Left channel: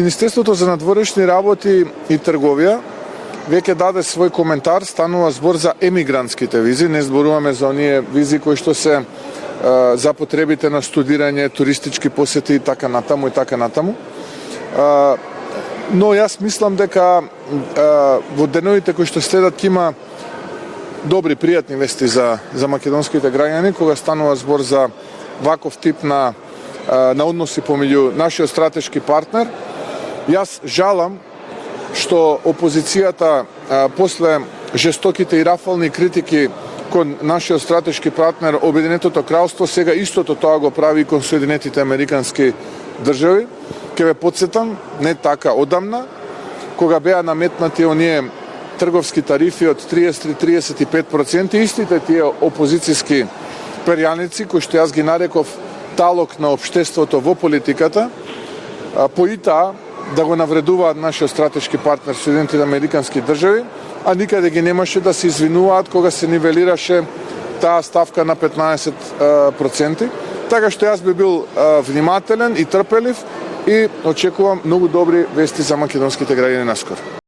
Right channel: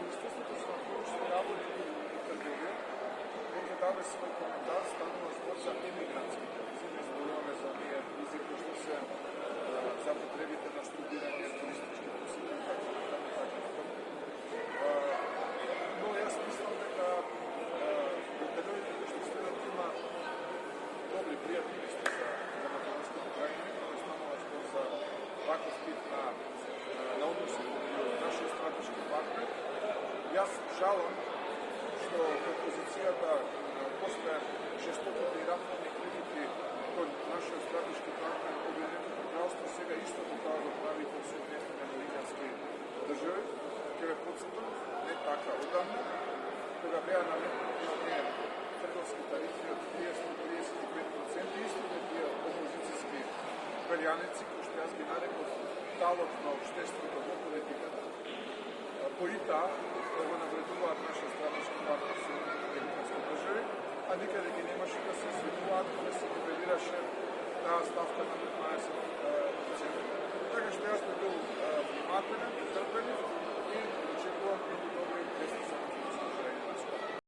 Министерството за надворешни работи и трговија веќе даде свој коментар, станува збор за емигрантските визи, не зборуваме за оние визи кои што се за потребите на студирање, туристички посети и така натаму и така натаму. Но јас мислам дека во деновите кои што следат ќе има добри, пријатни вести за македонските граѓани, кога станува збор за ваков тип на односи помеѓу нашиот стратешки партнер. Јас жалам што опозицијата после жестоките и рафални критики кон нашиот стратешки партнер Обединетото кралство сега истото тоа го прави и кон Соединетите Американски држави. Ке ве потсетам, не така одамна, кога беа наметнати оние трговски тарифи од 33-35%, истите тие опозицијски перјаници, кои што јас ги нареков талок на општеството во политиката, поитаа да го навредуваат нашиот стратешки партнер Соединетите Американски држави, а никаде ги немаше да се извинуваат кога се нивелираше таа ставка на 15%. Така што јас би бил внимателен и трпелив и очекувам многу добри вести за македонските граѓани наскоро.